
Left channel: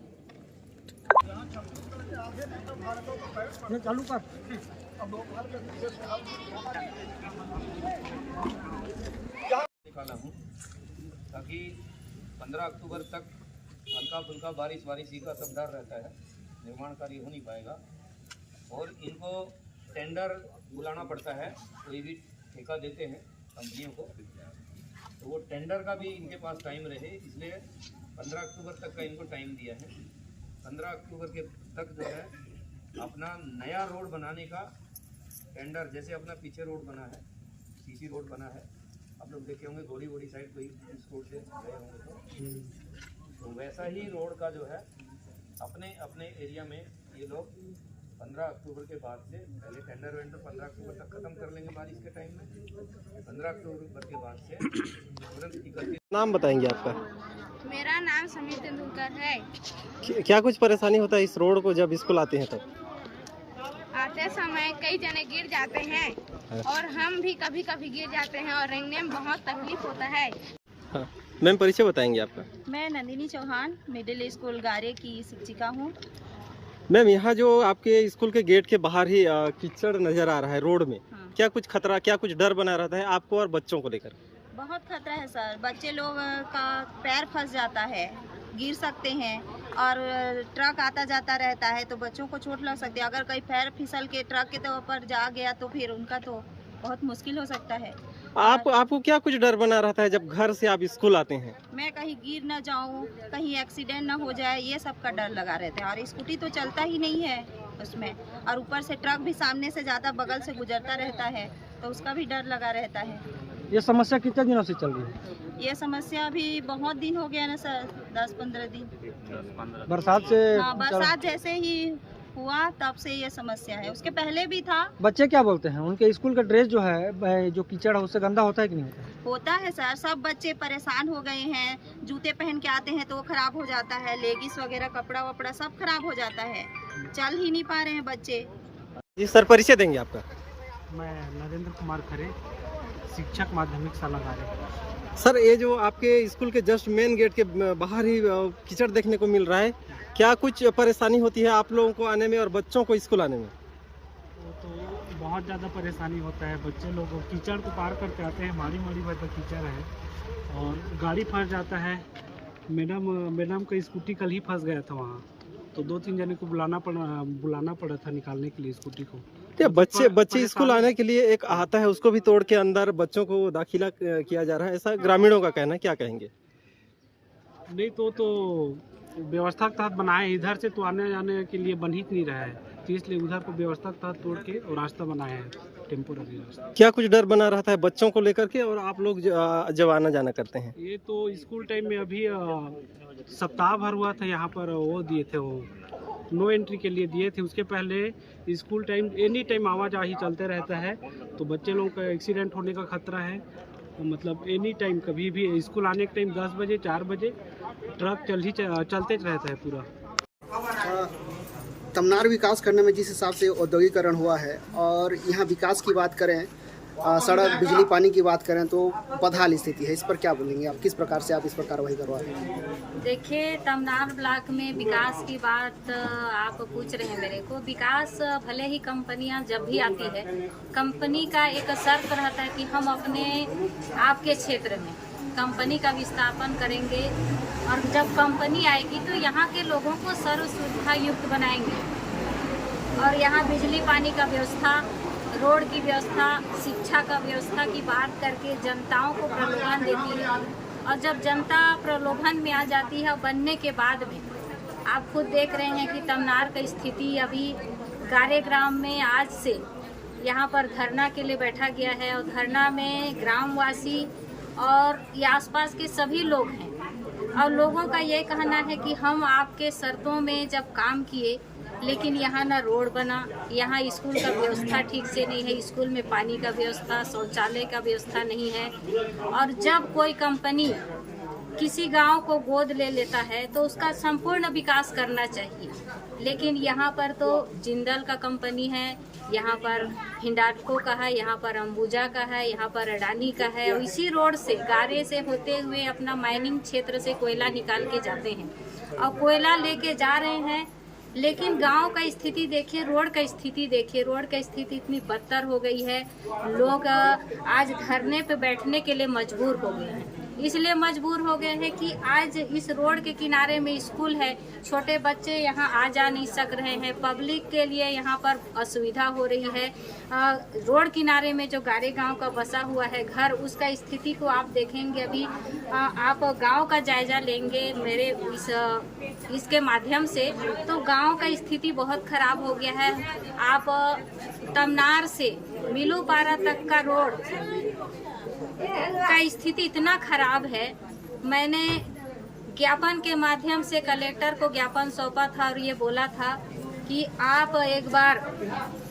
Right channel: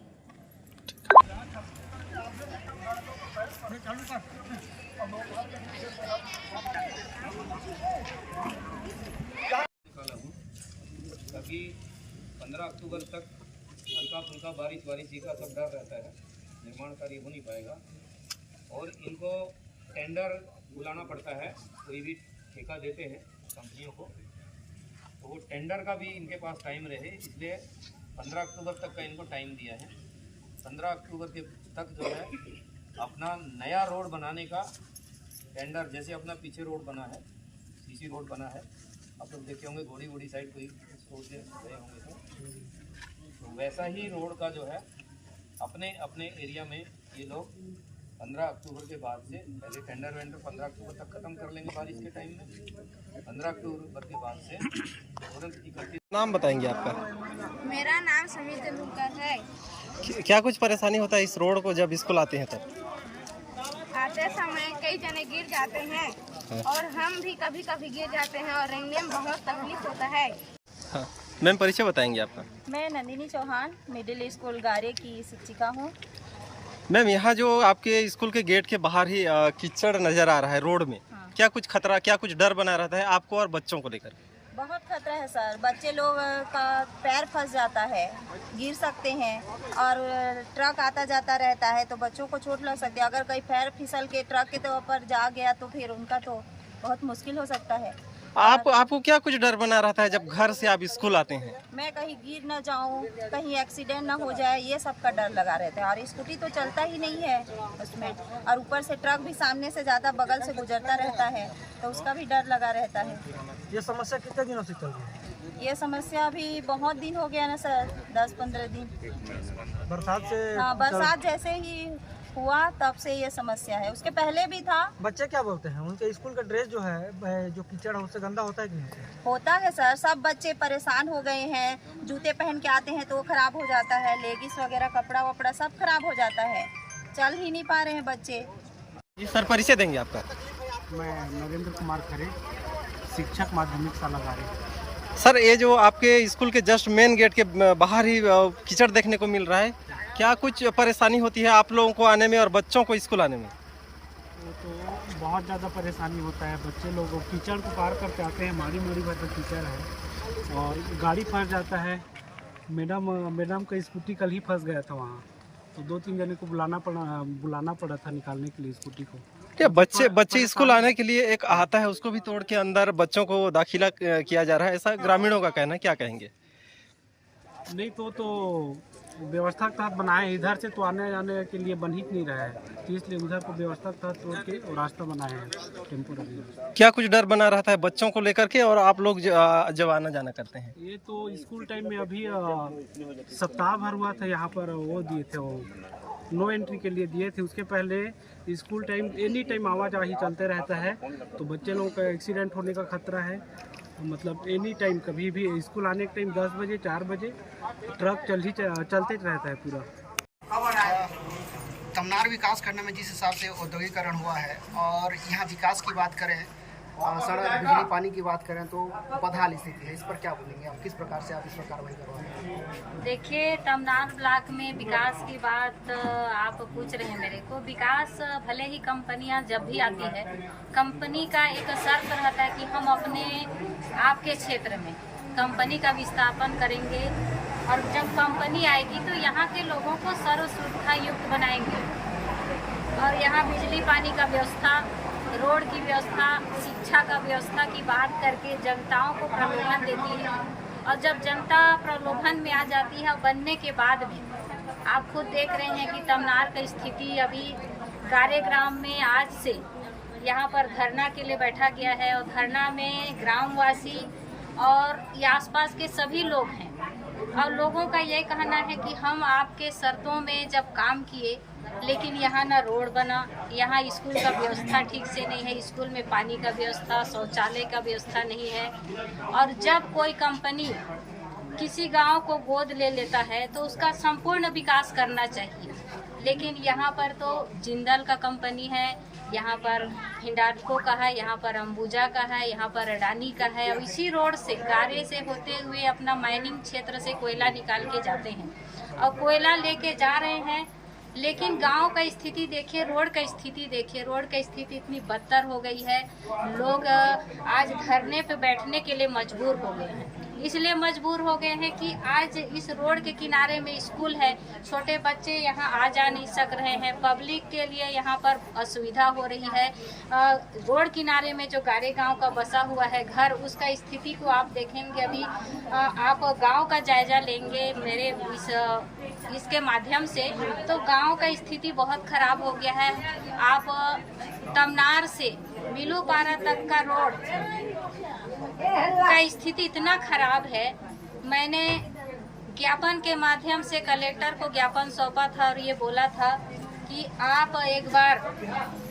ताकि 15 अक्टूबर तक हल्का फुल्का बारिश का सब डर रहता है, निर्माण कार्य हो नहीं पाएगा। और इनको टेंडर बुलाना पड़ता है, कोई भी ठेका देते हैं कंपनियों को, तो वो टेंडर का भी इनके पास टाइम रहे, इसलिए 15 अक्टूबर तक का इनको टाइम दिया है। 15 अक्टूबर के तक जो है अपना नया रोड बनाने का टेंडर, जैसे अपना पीछे रोड बना है, सीसी रोड बना है, आप लोग देखे होंगे घोड़ी साइड कोई इस रोड से गए होंगे तो वैसा ही रोड का जो है अपने एरिया में ये लोग 15 अक्टूबर के बाद से, पहले टेंडर 15 अक्टूबर तक ख़त्म कर लेंगे बारिश के टाइम में, 15 अक्टूबर के बाद से। नाम बताएंगे आपका? मेरा नाम समीर तेंदुलकर है। क्या कुछ परेशानी होता है इस रोड को जब स्कूल आते हैं तब? खेलते समय कई जने गिर जाते हैं और हम भी कभी कभी गिर जाते हैं और रेंगने में बहुत तकलीफ होता है। हाँ मैम, परिचय बताएंगे आपका? मैं नंदिनी चौहान मिडिल स्कूल गारे की शिक्षिका हूँ। मैम, यहाँ जो आपके स्कूल के गेट के बाहर ही कीचड़ नज़र आ रहा है रोड में, हाँ। क्या कुछ खतरा, क्या कुछ डर बना रहता है आपको और बच्चों को लेकर? बहुत खतरा है सर, बच्चे लोग का पैर फंस जाता है, गिर सकते हैं और ट्रक आता जाता रहता है तो बच्चों को चोट लग सकती है। अगर कहीं पैर फिसल के ट्रक के तो ऊपर जा गया तो फिर उनका तो बहुत मुश्किल हो सकता है। आपको क्या कुछ डर बना रहता है जब घर से आप स्कूल आते हैं? मैं कहीं गिर ना जाऊं, कहीं एक्सीडेंट ना हो जाए, ये सब का डर लगा रहता है। और स्कूटी तो चलता ही नहीं है उसमें, और ऊपर से ट्रक भी सामने से ज़्यादा बगल से गुजरता रहता है तो उसका भी डर लगा रहता है। ये समस्या कितने दिनों से चल रही है? ये समस्या अभी बहुत दिन हो गया ना सर, 10-15 दिन। बरसात से? हाँ, बरसात जैसे ही हुआ तब से ये समस्या है, उसके पहले भी था। बच्चे क्या बोलते हैं? उनके स्कूल का ड्रेस जो है, जो कीचड़ है उससे गंदा होता है कि नहीं? होता है सर, सब बच्चे परेशान हो गए हैं। जूते पहन के आते हैं तो वो खराब हो जाता है, लेगिस वगैरह कपड़ा वपड़ा सब खराब हो जाता है, चल ही नहीं पा रहे हैं बच्चे। जी सर, परिचय देंगे आपका? मैं नरेंद्र कुमार खरे, शिक्षक माध्यमिक शाला गारे। सर, ये जो आपके स्कूल के जस्ट मेन गेट के बाहर ही कीचड़ देखने को मिल रहा है, क्या कुछ परेशानी होती है आप लोगों को आने में और बच्चों को स्कूल आने में? वो तो बहुत ज़्यादा परेशानी होता है, बच्चे लोग कीचड़ को पार करके आते हैं, माड़ी भर तक कीचड़ है और गाड़ी फंस जाता है। मैडम का स्कूटी कल ही फंस गया था वहाँ, तो 2-3 जने को बुलाना पड़ा था निकालने के लिए स्कूटी को। क्या बच्चे स्कूल आने के लिए एक आता है उसको भी तोड़ के अंदर बच्चों को दाखिला किया जा रहा है, ऐसा ग्रामीणों का कहना, क्या कहेंगे? नहीं तो व्यवस्था के तहत बनाए, इधर से तो आने जाने के लिए बन ही नहीं रहा है, तो इसलिए उधर को व्यवस्था के तहत तोड़ के और रास्ता बनाया है, टेम्पोररी रास्ता। क्या कुछ डर बना रहता है बच्चों को लेकर के और आप लोग जब आना जाना करते हैं? ये तो स्कूल टाइम में अभी सप्ताह भर हुआ था, यहाँ पर वो दिए थे, वो नो एंट्री के लिए दिए थे। उसके पहले स्कूल टाइम एनी टाइम आवाजाही चलते रहता है, तो बच्चे लोगों का एक्सीडेंट होने का खतरा है। मतलब एनी टाइम कभी भी स्कूल आने के टाइम 10 बजे 4 बजे ट्रक चलते रहता है पूरा। तमनार विकास खंड में जिस हिसाब से औद्योगिकरण हुआ है और यहाँ विकास की बात करें, सड़क बिजली पानी की बात करें तो बदहाल स्थिति है, इस पर क्या बोलेंगे आप? किस प्रकार से आप इस पर कार्रवाई करवा रहे हैं? देखिए, तमनार ब्लॉक में विकास की बात आप पूछ रहे हैं मेरे को। विकास भले ही कंपनियां जब भी आती है, कंपनी का एक शर्त रहता है कि हम अपने आपके क्षेत्र में कंपनी का विस्थापन करेंगे और जब कंपनी आएगी तो यहाँ के लोगों को सर्व सुविधा युक्त बनाएंगे और यहाँ बिजली पानी का व्यवस्था, रोड की व्यवस्था, शिक्षा का व्यवस्था की बात करके जनताओं को प्रलोभन देती है। और जब जनता प्रलोभन में आ जाती है, बनने के बाद में आप खुद देख रहे हैं कि तमनार की स्थिति अभी गारे ग्राम में आज से यहाँ पर धरना के लिए बैठा गया है और धरना में ग्रामवासी और ये आसपास के सभी लोग हैं और लोगों का यही कहना है कि हम आपके शर्तों में जब काम किए, लेकिन यहाँ ना रोड बना, यहाँ स्कूल का व्यवस्था ठीक से नहीं है, स्कूल में पानी का व्यवस्था, शौचालय का व्यवस्था नहीं है। और जब कोई कंपनी किसी गांव को गोद ले लेता है तो उसका संपूर्ण विकास करना चाहिए, लेकिन यहाँ पर तो जिंदल का कंपनी है, यहाँ पर हिंडाल्को का है, यहाँ पर अंबुजा का है, यहाँ पर अडानी का है और इसी रोड से गारे से होते हुए अपना माइनिंग क्षेत्र से कोयला निकाल के जाते हैं और कोयला लेके जा रहे हैं। लेकिन गांव का स्थिति देखिए, रोड का स्थिति देखिए, रोड का स्थिति इतनी बदतर हो गई है, लोग आज धरने पे बैठने के लिए मजबूर हो गए हैं। इसलिए मजबूर हो गए हैं कि आज इस रोड के किनारे में स्कूल है, छोटे बच्चे यहाँ आ जा नहीं सक रहे हैं, पब्लिक के लिए यहाँ पर असुविधा हो रही है। रोड किनारे में जो गारे गांव का बसा हुआ है घर, उसका स्थिति को आप देखेंगे। अभी आप गांव का जायजा लेंगे मेरे इसके माध्यम से, तो गांव का स्थिति बहुत खराब हो गया है। आप तमनार से मिलूपारा तक का रोड का स्थिति इतना खराब है, मैंने ज्ञापन के माध्यम से कलेक्टर को ज्ञापन सौंपा था और ये बोला था कि आप एक बार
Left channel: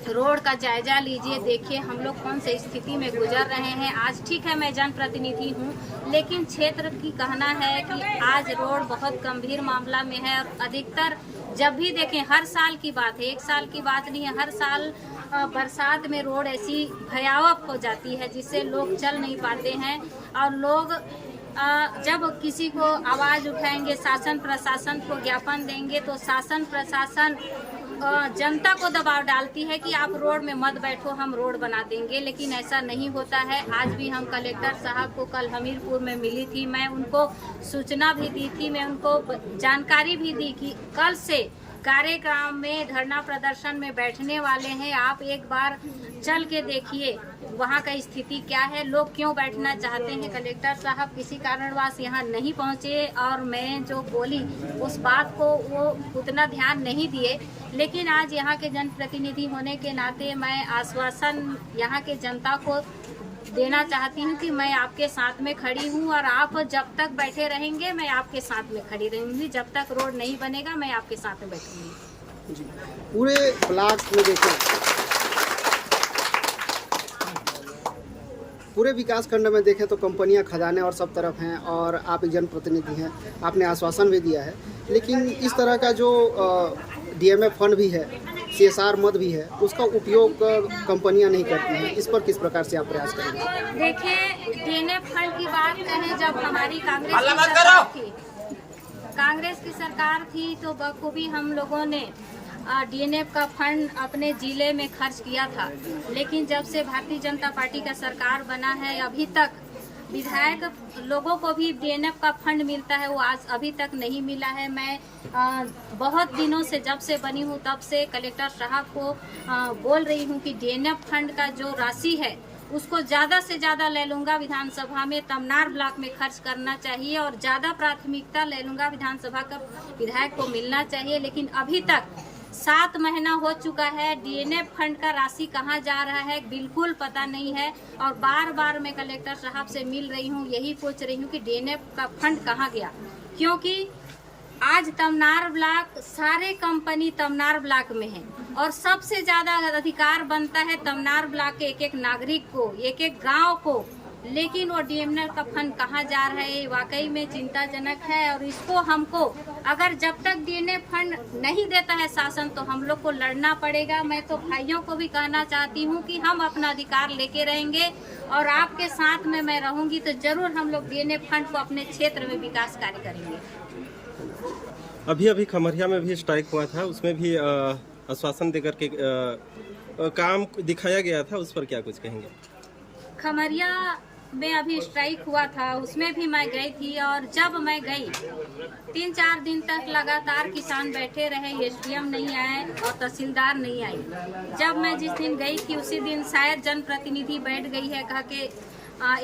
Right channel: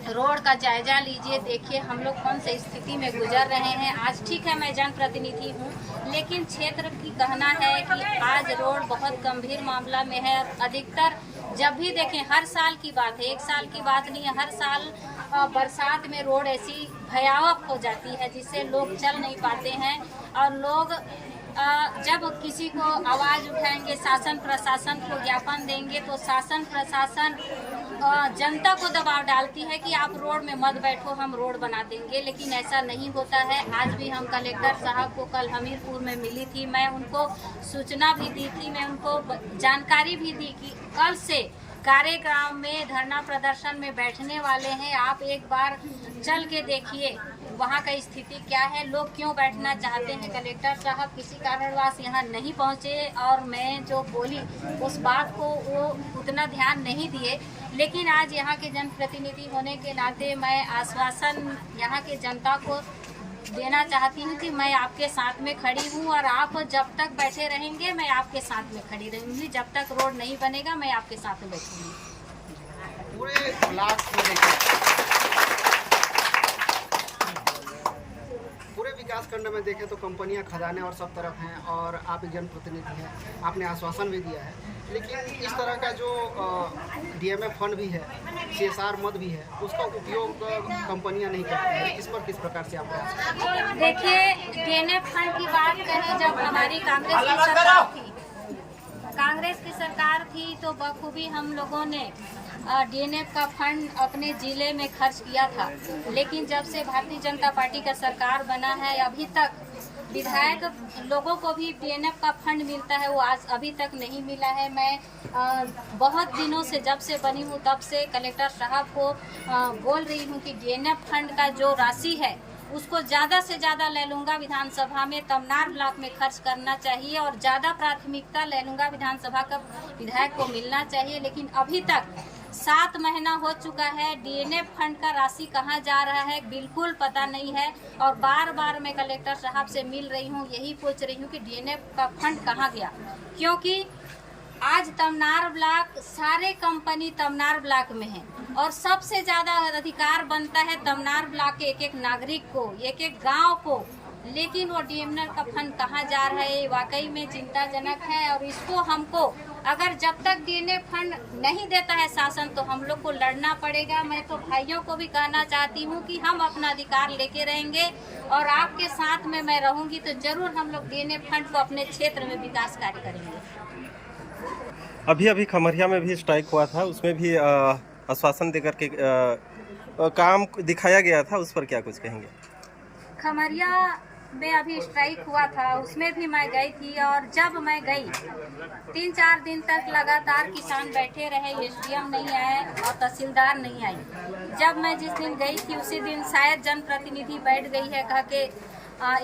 रोड का जायजा लीजिए, देखिए हम लोग कौन से स्थिति में गुजर रहे हैं। आज ठीक है मैं जनप्रतिनिधि हूँ, लेकिन क्षेत्र की कहना है कि आज रोड बहुत गंभीर मामला में है और अधिकतर जब भी देखें हर साल की बात है, एक साल की बात नहीं है, हर साल बरसात में रोड ऐसी भयावह हो जाती है जिससे लोग चल नहीं पाते हैं। और लोग जब किसी को आवाज़ उठाएंगे, शासन प्रशासन को ज्ञापन देंगे, तो शासन प्रशासन जनता को दबाव डालती है कि आप रोड में मत बैठो, हम रोड बना देंगे। लेकिन ऐसा नहीं होता है। आज भी हम कलेक्टर साहब को कल हमीरपुर में मिली थी, मैं उनको सूचना भी दी थी, मैं उनको जानकारी भी दी कि कल से कार्यक्रम में धरना प्रदर्शन में बैठने वाले हैं। आप एक बार चल के देखिए वहाँ का स्थिति क्या है, लोग क्यों बैठना चाहते हैं। कलेक्टर साहब किसी कारणवश यहाँ नहीं पहुँचे और मैं जो बोली उस बात को वो उतना ध्यान नहीं दिए। लेकिन आज यहाँ के जनप्रतिनिधि होने के नाते मैं आश्वासन यहाँ के जनता को देना चाहती हूँ कि मैं आपके साथ में खड़ी हूँ और आप जब तक बैठे रहेंगे मैं आपके साथ में खड़ी रहूँगी। जब तक रोड नहीं बनेगा मैं आपके साथ में बैठूँगी। पूरे ब्लॉक में देखें, पूरे विकास खंड में देखें तो कंपनियां, खदानें और सब तरफ हैं और आप एक जनप्रतिनिधि हैं, आपने आश्वासन भी दिया है। लेकिन इस तरह का जो DMF फंड भी है, CSR मद भी है, उसका उपयोग कंपनियां नहीं करती हैं। इस पर किस प्रकार से आप प्रयास करेंगे? देखिए, DMF फंड की बात करें, जब हमारी कांग्रेस की सरकार थी तो बखूबी हम लोगों ने DNF का फंड अपने जिले में खर्च किया था। लेकिन जब से भारतीय जनता पार्टी का सरकार बना है, अभी तक विधायक लोगों को भी DNF का फंड मिलता है, वो आज अभी तक नहीं मिला है। मैं बहुत दिनों से, जब से बनी हूँ तब से कलेक्टर साहब को बोल रही हूँ कि DNF फंड का जो राशि है उसको ज़्यादा से ज़्यादा लैलूंगा विधानसभा में तमनार ब्लॉक में खर्च करना चाहिए और ज़्यादा प्राथमिकता लैलूंगा विधानसभा का विधायक को मिलना चाहिए। लेकिन अभी तक 7 महीना हो चुका है, DNF फंड का राशि कहाँ जा रहा है बिल्कुल पता नहीं है। और बार बार मैं कलेक्टर साहब से मिल रही हूँ, यही पूछ रही हूँ कि DNF का फंड कहाँ गया, क्योंकि आज तमनार ब्लॉक, सारे कंपनी तमनार ब्लॉक में है और सबसे ज्यादा अधिकार बनता है तमनार ब्लॉक के एक एक नागरिक को, एक एक गाँव को। लेकिन वो DNF का फंड कहाँ जा रहा है, वाकई में चिंताजनक है। और इसको हमको, अगर जब तक DNF फंड नहीं देता है शासन, तो हम लोग को लड़ना पड़ेगा। मैं तो भाइयों को भी कहना चाहती हूँ कि हम अपना अधिकार लेके रहेंगे और आपके साथ में मैं रहूंगी, तो जरूर हम लोग DNF फंड को अपने क्षेत्र में विकास कार्य करेंगे। अभी खमरिया में भी स्ट्राइक हुआ था, उसमें भी आश्वासन देकर के काम दिखाया गया था, उस पर क्या कुछ कहेंगे? खमरिया में अभी स्ट्राइक हुआ था, उसमें भी मैं गई थी और जब मैं गई 3-4 दिन तक लगातार किसान बैठे रहे, SDM नहीं आए और तहसीलदार नहीं आई। जब मैं जिस दिन गई थी उसी दिन शायद जनप्रतिनिधि बैठ गई है कह के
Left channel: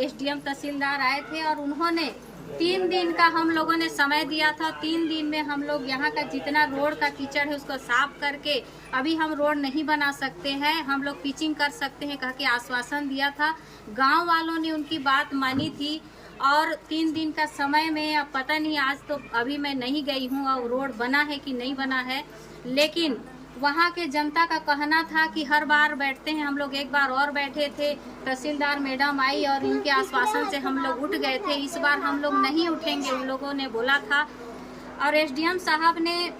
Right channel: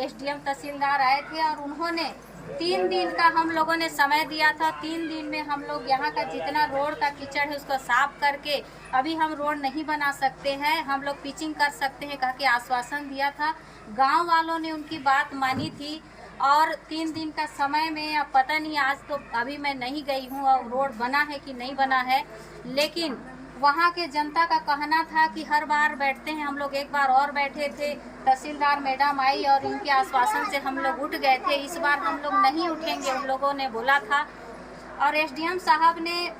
SDM तहसीलदार आए थे और उन्होंने 3 दिन का हम लोगों ने समय दिया था। 3 दिन में हम लोग यहाँ का जितना रोड का कीचड़ है उसको साफ करके, अभी हम रोड नहीं बना सकते हैं, हम लोग पिचिंग कर सकते हैं कह के आश्वासन दिया था। गांव वालों ने उनकी बात मानी थी और 3 दिन का समय में, अब पता नहीं, आज तो अभी मैं नहीं गई हूँ और रोड बना है कि नहीं बना है। लेकिन वहाँ के जनता का कहना था कि हर बार बैठते हैं हम लोग, एक बार और बैठे थे, तहसीलदार मैडम आई और इनके आश्वासन से हम लोग उठ गए थे। इस बार हम लोग नहीं उठेंगे, उन लोगों ने बोला था। और SDM साहब ने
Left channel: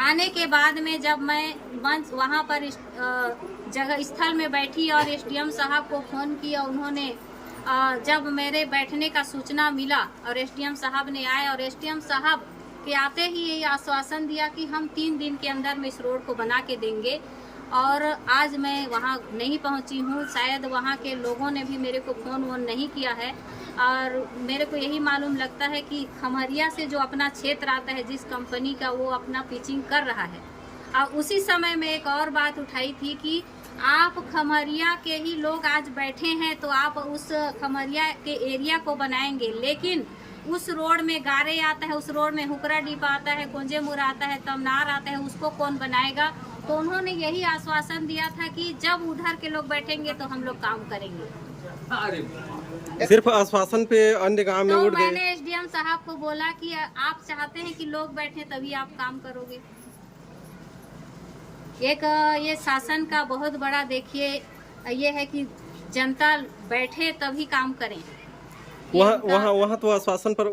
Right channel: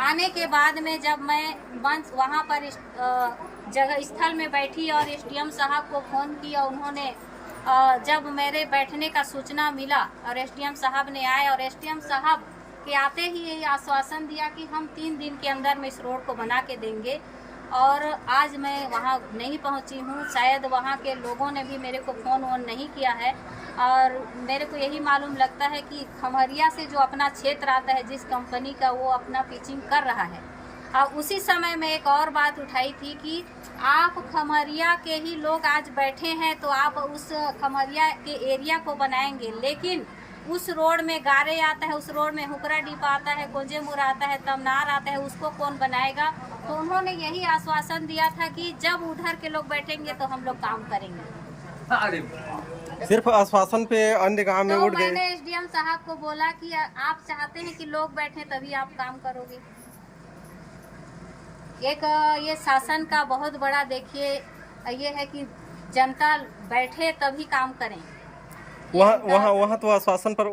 आने के बाद में जब मैं मंच वहाँ पर जगह स्थल में बैठी और SDM साहब को फ़ोन किया, उन्होंने जब मेरे बैठने का सूचना मिला और SDM साहब ने आए और SDM साहब के आते ही यही आश्वासन दिया कि हम 3 दिन के अंदर में इस रोड को बना के देंगे। और आज मैं वहाँ नहीं पहुँची हूँ, शायद वहाँ के लोगों ने भी मेरे को फ़ोन वोन नहीं किया है और मेरे को यही मालूम लगता है कि खमरिया से जो अपना क्षेत्र आता है जिस कंपनी का, वो अपना पिचिंग कर रहा है। और उसी समय में एक और बात उठाई थी कि आप खमरिया के ही लोग आज बैठे हैं तो आप उस खमरिया के एरिया को बनाएंगे, लेकिन उस रोड में गारे आता है, उस रोड में हुकरा डिपा आता है, कुंजेमुर आता है, तमनार आता है, उसको कौन बनाएगा। तो उन्होंने यही आश्वासन दिया था कि जब उधर के लोग बैठेंगे तो हम लोग काम करेंगे। सिर्फ आश्वासन पे अन्य गांव में उठ गए। मैंने SDM साहब को बोला कि आप चाहते हैं कि लोग बैठे तभी आप काम करोगे। एक ये शासन का बहुत बड़ा, देखिए, ये है कि जनता बैठे तभी काम करें। वहाँ तो आश्वासन पर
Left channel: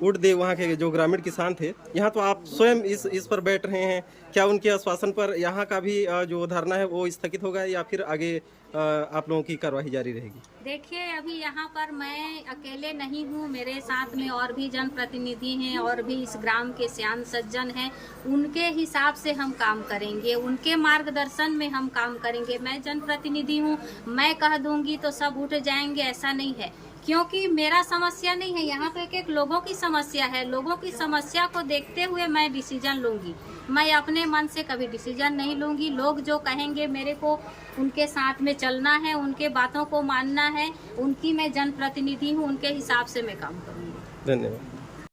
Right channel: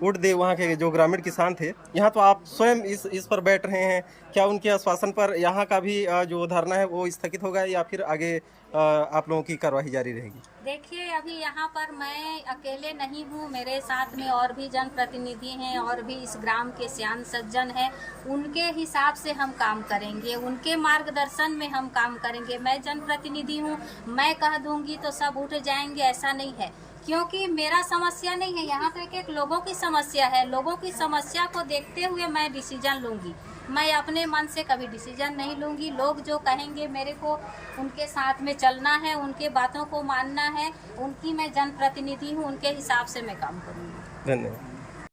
उड़ दे वहाँ के जो ग्रामीण किसान थे। यहाँ तो आप स्वयं इस पर बैठ रहे हैं। क्या उनके आश्वासन पर यहाँ का भी जो धरना है वो स्थगित होगा या फिर आगे आप लोगों की कार्रवाई जारी रहेगी? देखिए, अभी यहाँ पर मैं अकेले नहीं हूँ, मेरे साथ में और भी जनप्रतिनिधि हैं और भी इस ग्राम के सियान सज्जन हैं। उनके हिसाब से हम काम करेंगे, उनके मार्गदर्शन में हम काम करेंगे। मैं जनप्रतिनिधि हूँ, मैं कह दूंगी तो सब उठ जाएंगे, ऐसा नहीं है। क्योंकि मेरा समस्या नहीं है, यहाँ तो एक लोगों की समस्या है। लोगों की समस्या को देखते हुए मैं डिसीजन लूंगी। मैं अपने मन से कभी डिसीजन नहीं लूंगी। लोग जो कहेंगे मेरे को उनके साथ में चलना है, उनके बातों को मानना है। उनकी मैं जनप्रतिनिधि हूँ, उनके हिसाब से मैं काम करूँगी। धन्यवाद।